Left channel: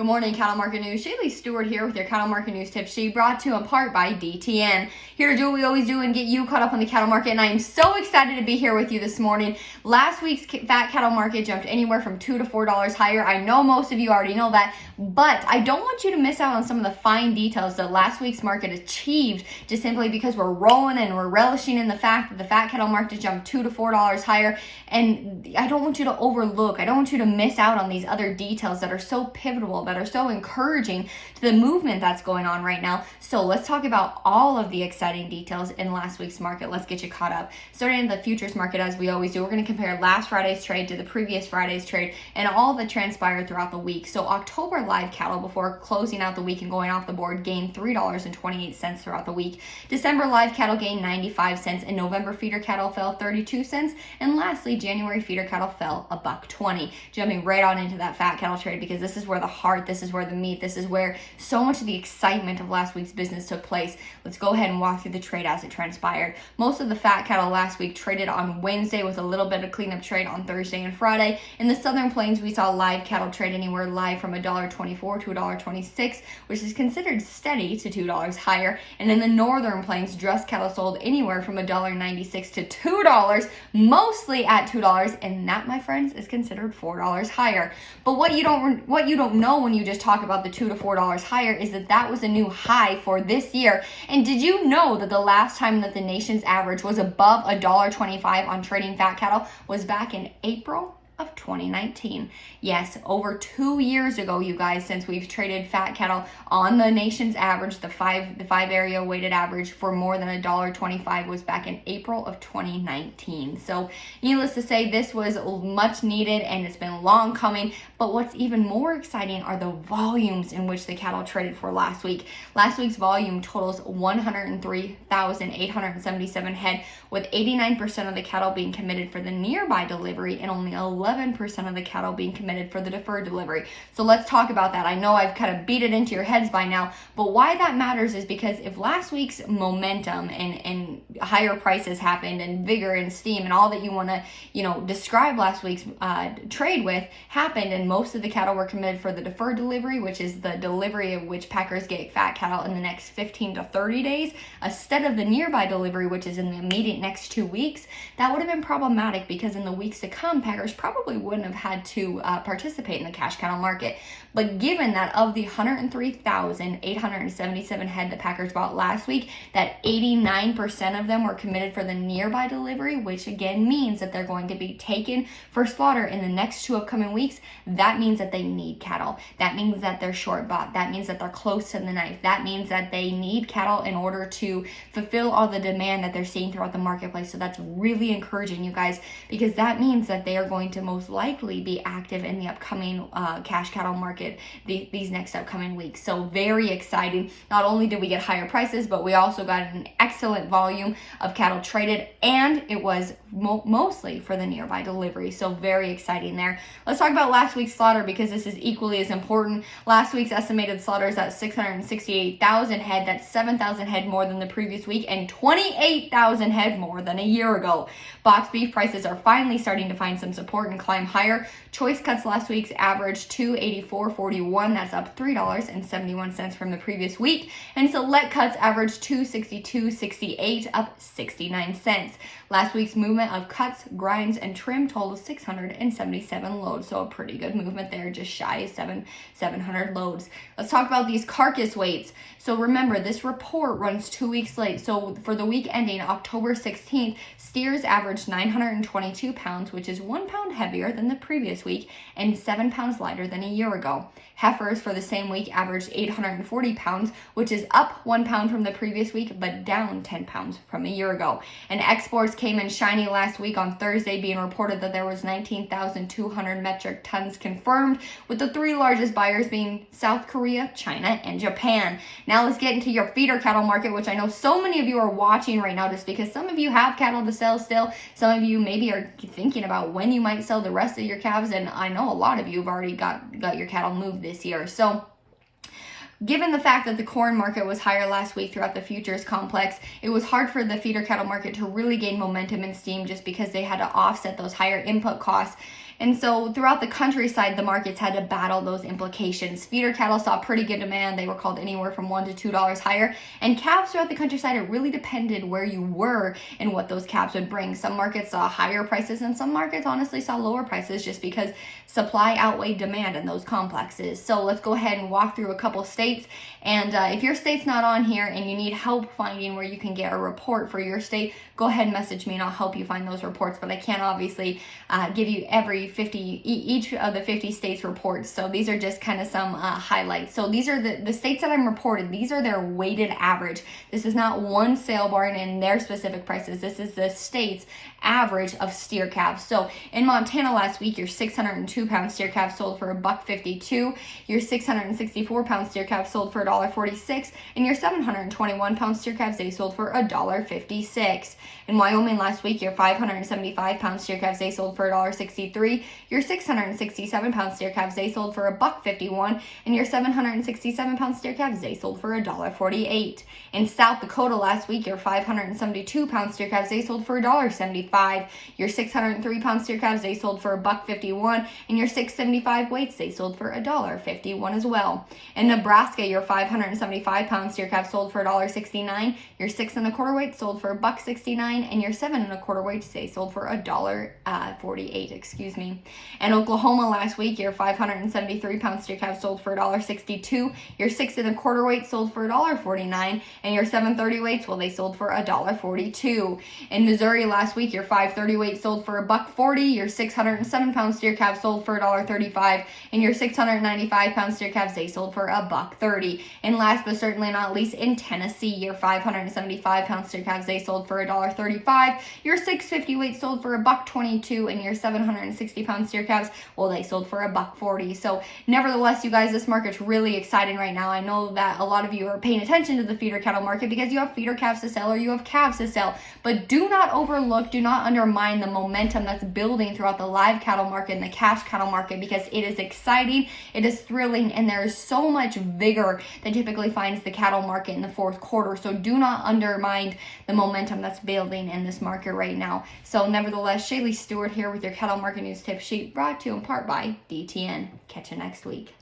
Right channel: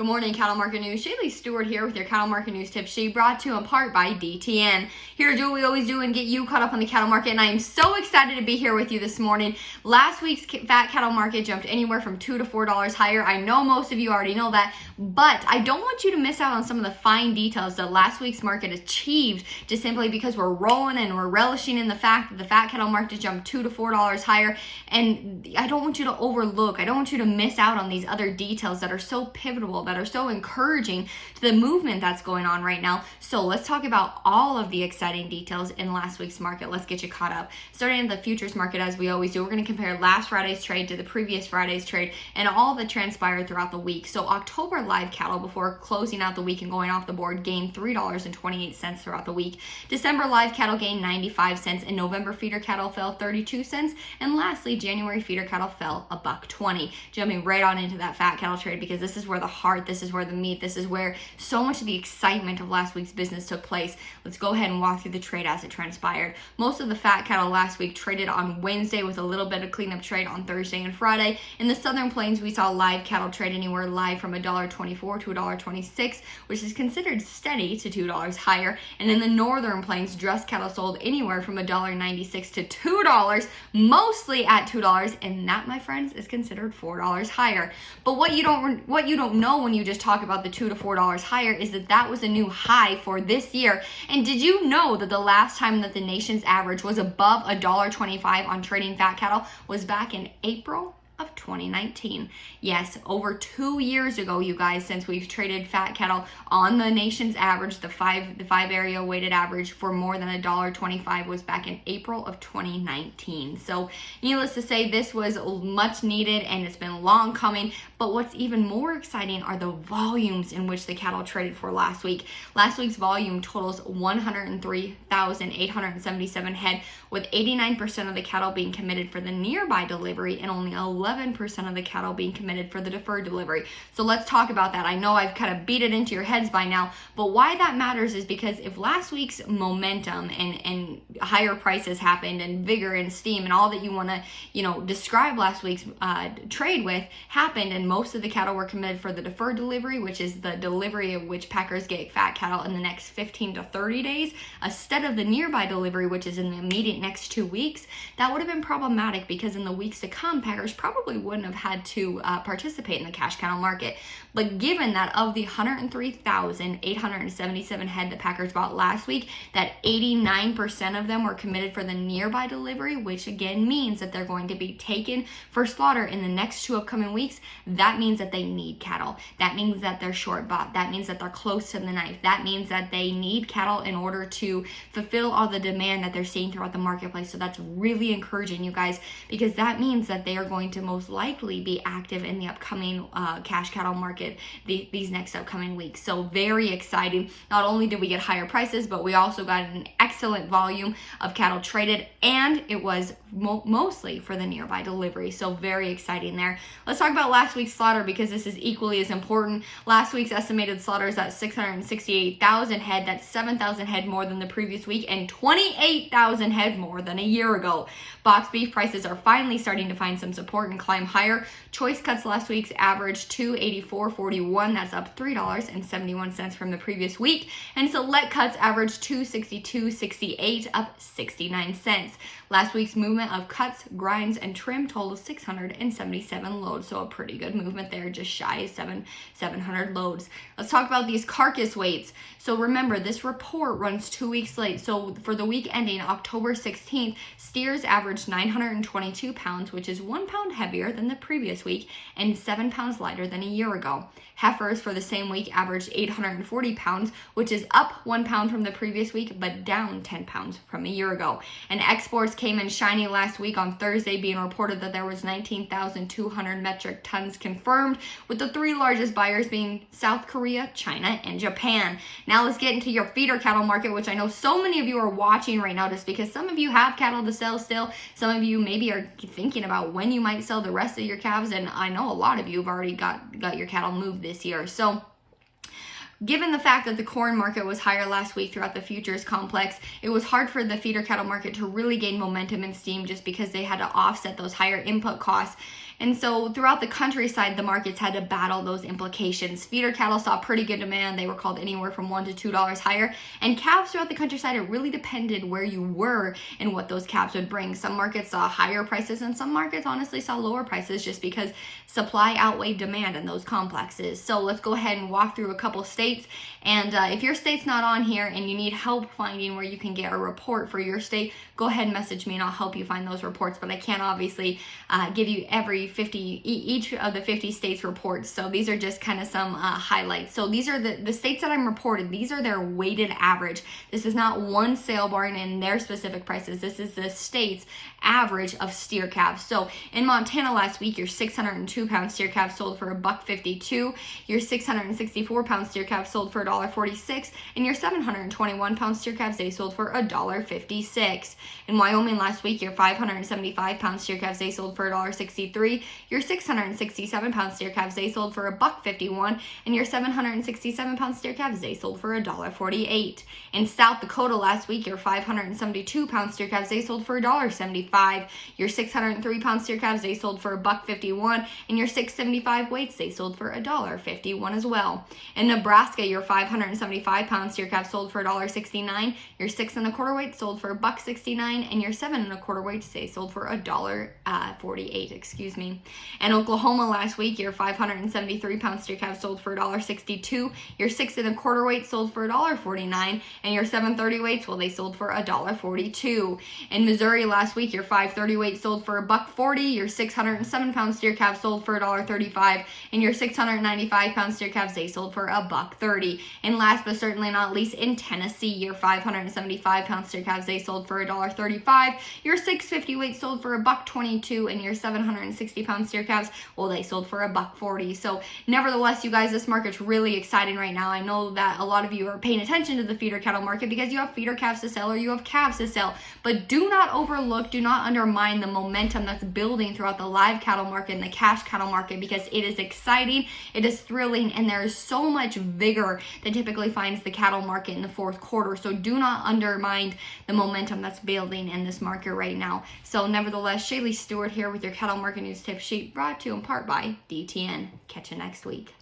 Good morning, Cattle Market News. Shaylee Stewart here with your Cattle Market News tip sheet, brought to you in part by DTN. Here to do what we always do and get you caught up on the cattle market, and I am so excited to be here with you this morning. Last week's fat cattle market jumped anywhere from $2 to $4 higher. I know most of you already know that, but I don't want you to miss out on some of the fine details that last week's market achieved, just simply because we're rolling and we're relishing in the fact that the fat cattle market jumped $2 to $4 higher. And I don't want you to overlook, I don't want you to miss out on these other details that are so pivotal, that are so encouraging to the movement that's going on right now. So let's talk about all of the exciting details in last week's market. Let's get you caught up. Starting at the futures market, as we always do, we're going to compare last Friday's trade to the previous Friday's trade and all that transpired throughout the week. So October live cattle, before closing out the week and going off the board, gained $3.28 throughout the week. December live cattle gained 95 cents, and November feeder cattle fell 32 cents. And lastly, January feeder cattle fell $1.20. Jumping right on into that fat cattle trade, because this is where the heart, this is where the meat, this is where so much of the excitement of last week's business took place. Let's go ahead and walk through the trade as it transpired. Most of the fat cattle last week traded on Wednesday, with a little bit of cleanup trade on Thursday and Friday. In the Southern Plains, we saw live cattle trade anywhere live from $1.24 to $1.26, which is considered steady to $2 higher. And in the Northern Plains, dressed cattle sold anywhere from $1.96 to $2, mostly at $2, and that, my friends, is considered $4 higher. But what you don't know when you just talk about the $2 to $4 higher is that was a new high for this year. And did you know that the last time that the nation's average was above $1.25 on trading fat cattle was back in April of 2019. Yes, over 2 years ago, you guys, since we've traded fat cattle on the nation's average, the five area weighted average for more than $1.25 was back in April of 2019. So needless to say, this was much needed and it's been long coming. But what's even more exciting are the volumes in which the cattle traded for last week. Last week's volume totals 103,877 head, with 89% of the cattle being committed for the nearby delivery and only 11% of the cattle being committed for the deferred delivery. So let's talk about that. I know I've kind of beat it into your heads by now, but why that matters is because if last week's momentum and higher prices happened, and vigor and steam and all that you want to, describe last week's trade with happened, and most of the cattle were committed for the deferred delivery, which is the delivery of which packers get fat cattle in the next 15 to 30 days, instead of the nearby delivery, which is in the immediate next 2 weeks, that would have been problematic, because in the weeks to come, packers probably wouldn't have had to participate in the cash cattle market. But given that of the 103,877 head that packers bought last week, that 89% of them were committed for the nearby delivery, which again means that they're going to be taken for slaughter in the next 2 upcoming weeks, that means that they need cattle. That means that they're short bought. That means that they're close to the knife. That means that they need cattle in order to fulfill all the demand that they're seeing throughout the marketplace. So that's really encouraging, you guys, because that means that they are going to most likely be active in the upcoming cash cattle market these next upcoming weeks. So very exciting. Not only did we get higher prices, but we also got an excellent volume of cattle traded, and it was mostly for the nearby delivery. So very exciting there. Let's talk about last week's slaughter, because this is equally as important. Last week's estimated slaughter is at 668,000 head. That's 7,000 head more than the previous week and 28,000 head more than a year ago. Box beef prices are finally starting to find some support and climb higher. Choice cuts last week's averaged $284.41. That's up $3.71 from the previous week. And select cuts averaged $262.68, up 69 cents. Last week's movement of cuts, grinds, and trim totaled 677 loads. So a pretty good movement there, just shy of 700 loads. Let's talk about these carcass weights. So remember, this report runs 2 weeks late. So for the week ending October 16th, steers averaged 922 pounds, which is 1 pound heavier than the previous week and 7 pounds lighter than a year ago. Heifers for the same week averaged 840 pounds, which is up 1 pound from the previous week, but down 10 pounds from a year ago. And exports came in shiny last week on Thursday, being reported that there was 19,200 metric tons confirmed, with the 3 largest buyers being South Korea, China, and Japan. Now let's get into your feeder cattle market, which I know so many of you are watching right now, just because some of you have cattle to sell still. Some of you maybe are thinking about when you might sell the rest of your calves, and I know a lot of you have already got your cattle moved this year. So given the fact that the corn market was higher last week throughout the futures complex, it was hard for the feeder cattle market to really gain momentum and steam, just because they had to offset those higher input costs. And so throughout the countryside, the markets had to battle those implications. Feeder cattle saw pretty good demand. They were called anywhere from $1 to $2 higher. And calves throughout the countryside, it really depended where you were and what those calves would bring. Some markets saw higher prices and some markets honestly saw lower prices just because supply outweighed demand in those complexes. So let's go ahead and walk through a couple states. And if your state's not on here and you need help finding where you can get a report for your state, go ahead and message me and I'll help you find those reports. But I can't obviously give you each of the 50 states reports. So these are just kind of some highlights. So these are the states that I'm reported. These are their weighted average. This is not one sale barn and their specific prices. This is the state's average of steer calves. So in Montana last week, your 602 pound steer calf sold for $1.52. Your 664 pound steer calf sold for $1.46, and your 721 pound steer calves they sold for $1.56. In Wyoming last week, your 575 pound steer calves they sold for $1.63. Your 667 pound steer calves they sold for $1.51, and your 767 pound steer calves they sold for $1.48. In South Dakota last week, your 572 pound steer calves they sold for $1.75. Your 603 pound steer calves they sold for $1.51, and your 675 weights they sold for $1.51 as well. In Nebraska, your 575 pound steer calf sold for $1.69. Your 6 1/4 weights sold for $1.69, and your 7 1/4 weights they sold for $1.48. Excuse me. In Oklahoma last week, your 573 pound steer calf sold for $1.62. Your 6 1/4 weights sold for $1.49, and your 730 weights, well, they sold for $1.42. In Missouri last week, your 530 weight sold for $1.40. Your 607 pound steer calf sold for $1.35, and your 695 pound steer calves they sold for $1.30. And last but certainly not least, in Tennessee, your 575 pound steer calves they sold for $1.35. Your 650 weight sold for $1.22, and your 760 pound steer calves, well, they sold for $1.40. So nevertheless, you guys, this market's really exciting right now. I know that a lot of you are paying attention to the feeder cattle market because you have feeder calves to sell or you have calves to sell, but do not overlook, do not undermine the momentum that's building throughout the live cattle market and the cash cattle market, because it is exciting, it is thrilling, and there is so much vigor that typically finds the cattle market in the fourth quarter. So do not undermine the momentum that's building in this market right now. So nevertheless, Shaylee Stewart here with your cattle market news tip sheet, brought to you in part by DTN. Catch you next week.